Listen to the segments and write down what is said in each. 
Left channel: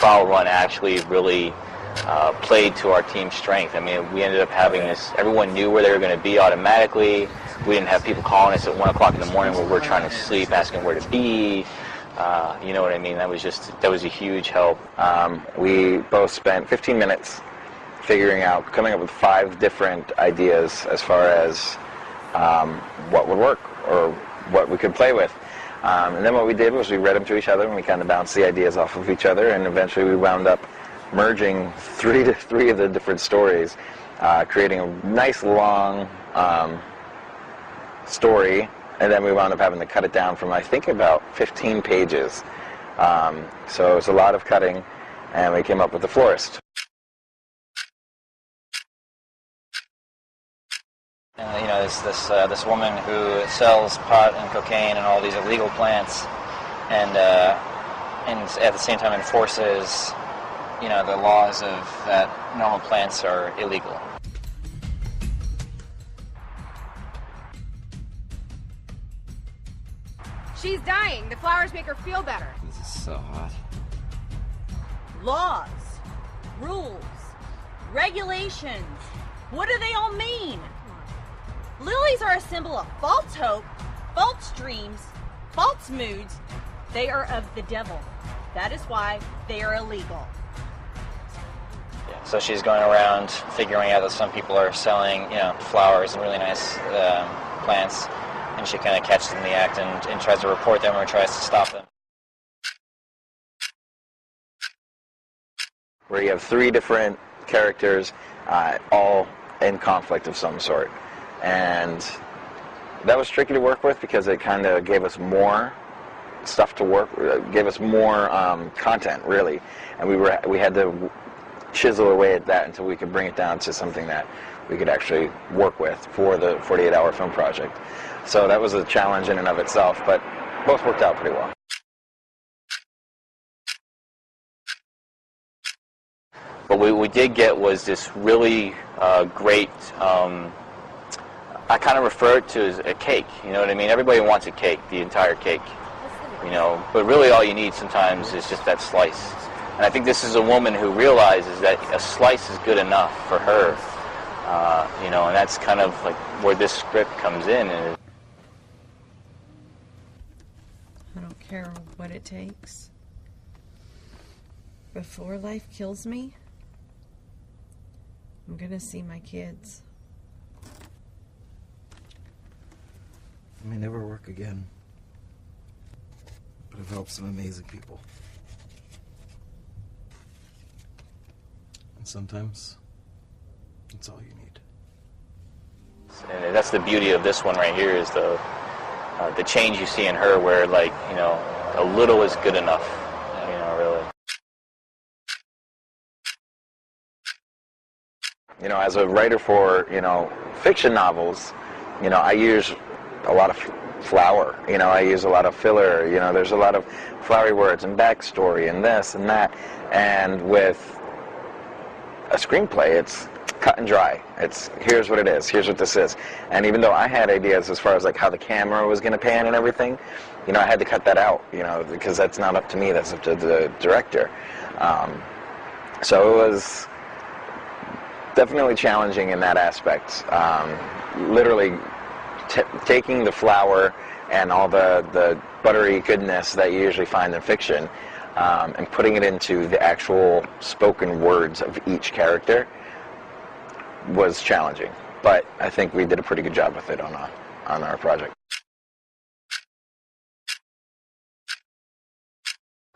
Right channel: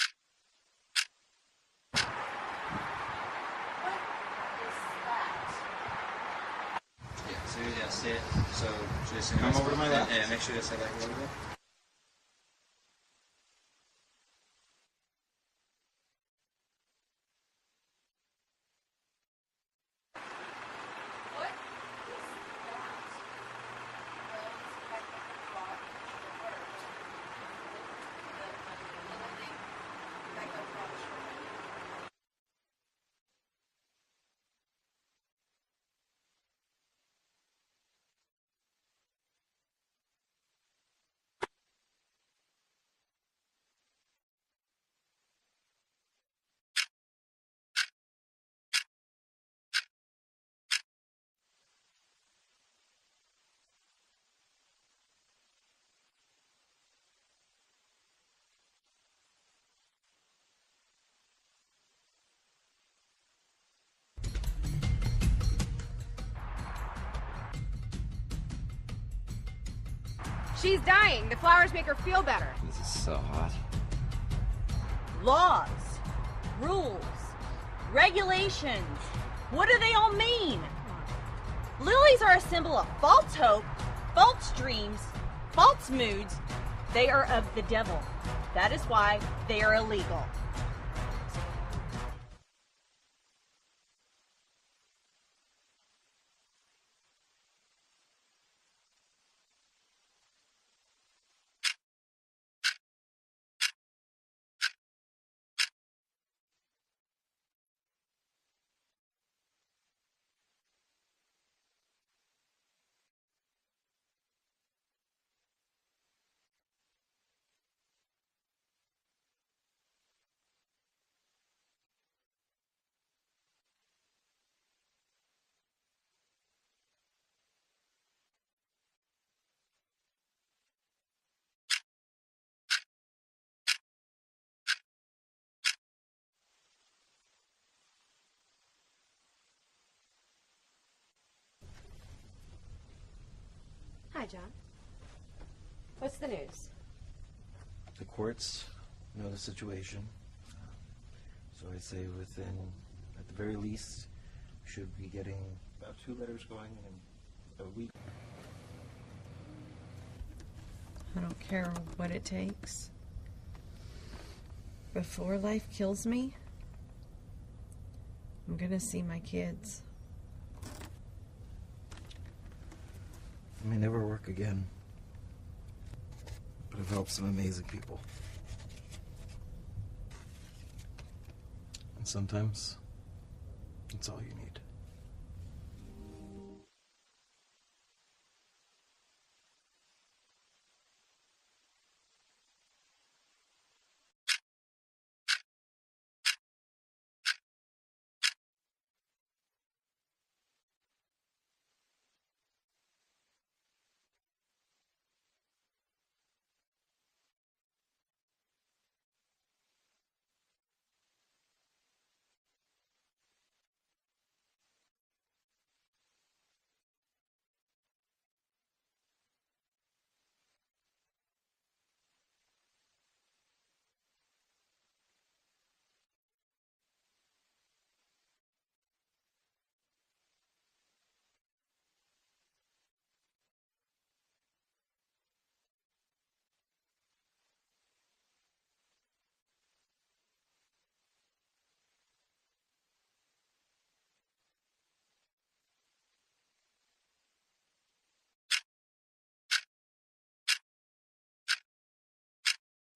trial run actually really played to our team's strength. I mean, we ended up having this, everyone knew where they were going to be automatically. We didn't have people calling us at 1 o'clock in the morning when we were trying to sleep, asking where to be. You know what I mean? That was a huge help. We both spent 15 minutes coming up with 5 different ideas as far as what would work or what we could play with. And then what we did was we read them to each other and we kind of bounced the ideas off of each other, and eventually we wound up merging three of the different stories, creating a nice long story, and then we wound up having to cut it down from, I think, about 15 pages. So it was a lot of cutting, and we came up with The Florist. You know, there's this woman who sells pot and cocaine and all these illegal plants, and at the same time enforces, you know, the laws of that normal plants are illegal. She's dying. The flowers make her feel better. This is so hot. Laws, rules, regulations. What do they all mean? Lilies are a symbol of false hope, false dreams, false moods. They are of the devil. That is why they are illegal. So she's going around figuring out that some people are selling, you know, flowers and really nice plants, and she kind of catches them in the act and tries to report them or tries to stop them. Where you have 3 different characters, all in conflict of some sort. And that was tricky to work with because it kind of gave us more stuff to work, gave us more content, really. And we had to chisel away at that until we could bring it down to something that we could actually work with for the 48-hour film project. So that was a challenge in and of itself, but both worked out pretty well. But what we did get was this really great, I kind of refer it to as a cake, you know what I mean? Everybody wants a cake, the entire cake. What's the news? You know, but really all you need sometimes is just that slice. And I think this is a woman who realizes that a slice is good enough for her, you know, and that's kind of like where this script comes in. And I don't care what it takes. Before life kills me, I'm gonna see my kids. I may never work again, but I've helped some amazing people. And sometimes, it's all you need. And that's the beauty of this one right here is the change you see in her where, like, you know, a little is good enough, you know, really. You know, as a writer for, you know, fiction novels, you know, I use a lot of flower, you know, I use a lot of filler, you know, there's a lot of flowery words and backstory and this and that, and with a screenplay, it's cut and dry. It's, here's what it is, here's what this is. And even though I had ideas as far as like how the camera was going to pan and everything, you know, I had to cut that out, you know, because that's not up to me, that's up to the director. So it was definitely challenging in that aspect. Literally taking the flower and all the buttery goodness that you usually find in fiction and putting it into the actual spoken words of each character was challenging. But I think we did a pretty good job with it on our project.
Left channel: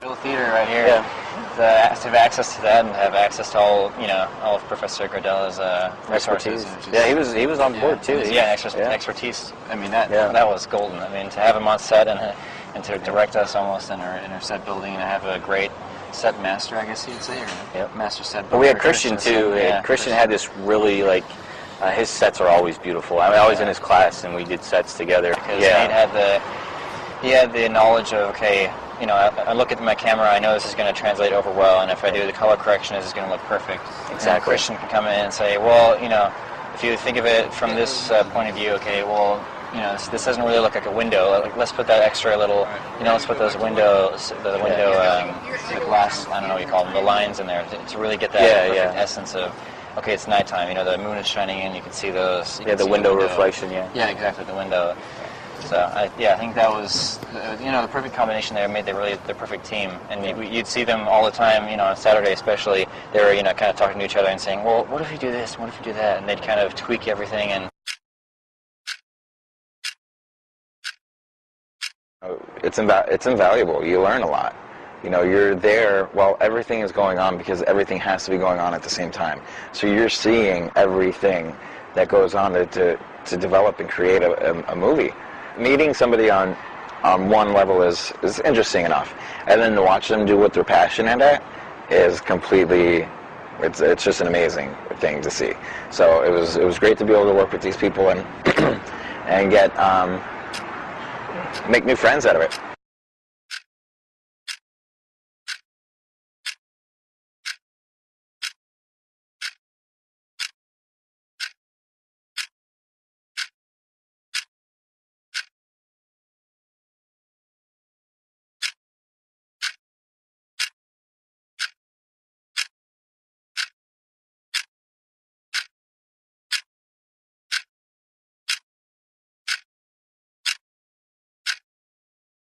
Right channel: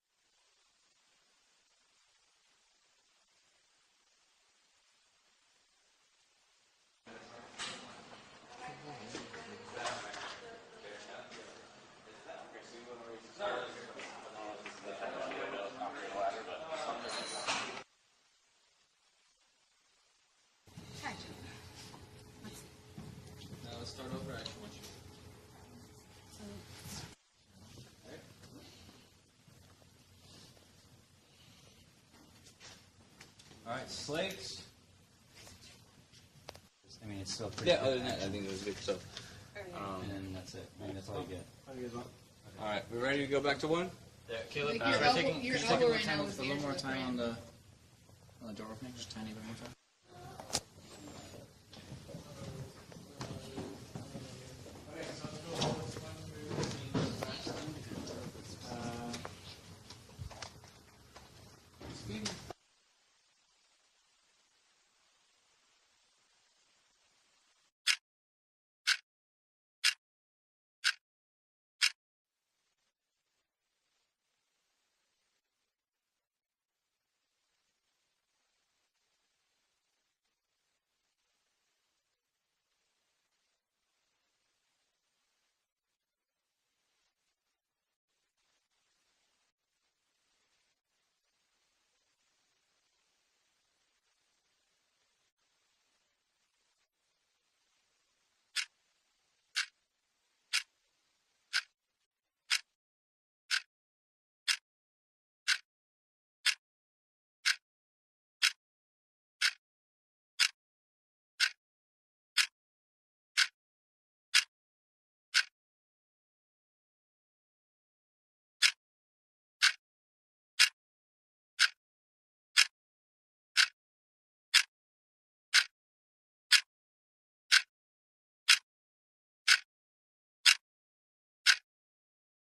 Little theater right here. Yeah. To have access to that and have access to all, you know, all of Professor Gardella's resources. Yeah, he was on board too. Yeah, expertise. I mean, that was golden. I mean, to have him on set and to direct us almost in our set building and to have a great set master, I guess you'd say, or master set builder. But we had Christian too. Christian had this really, like, his sets are always beautiful. I mean, I was in his class and we did sets together. Because he had the knowledge of, okay, you know, I look at my camera, I know this is going to translate over well, and if I do the color correction, this is going to look perfect. Exactly. And Christian can come in and say, well, you know, if you think of it from this point of view, okay, well, you know, this doesn't really look like a window. Like, let's put that extra little, you know, let's put those windows, the window glass, I don't know what you call them, the lines in there to really get that perfect essence of, okay, it's nighttime. You know, the moon is shining in. You can see those. Yeah, the window reflection. Yeah. Yeah, exactly, the window. So I think that was, you know, the perfect combination there. Made the perfect team, and you'd see them all the time. You know, on Saturday especially, they were, you know, kind of talking to each other and saying, well, what if you do this? What if you do that? And they'd kind of tweak everything and. It's invaluable. You learn a lot. You know, you're there while everything is going on because everything has to be going on at the same time. So you're seeing everything that goes on to develop and create a movie. Meeting somebody on one level is interesting enough, and then to watch them do what they're passionate at is completely. It's just an amazing thing to see. So it was great to be able to work with these people and and get make new friends out of it.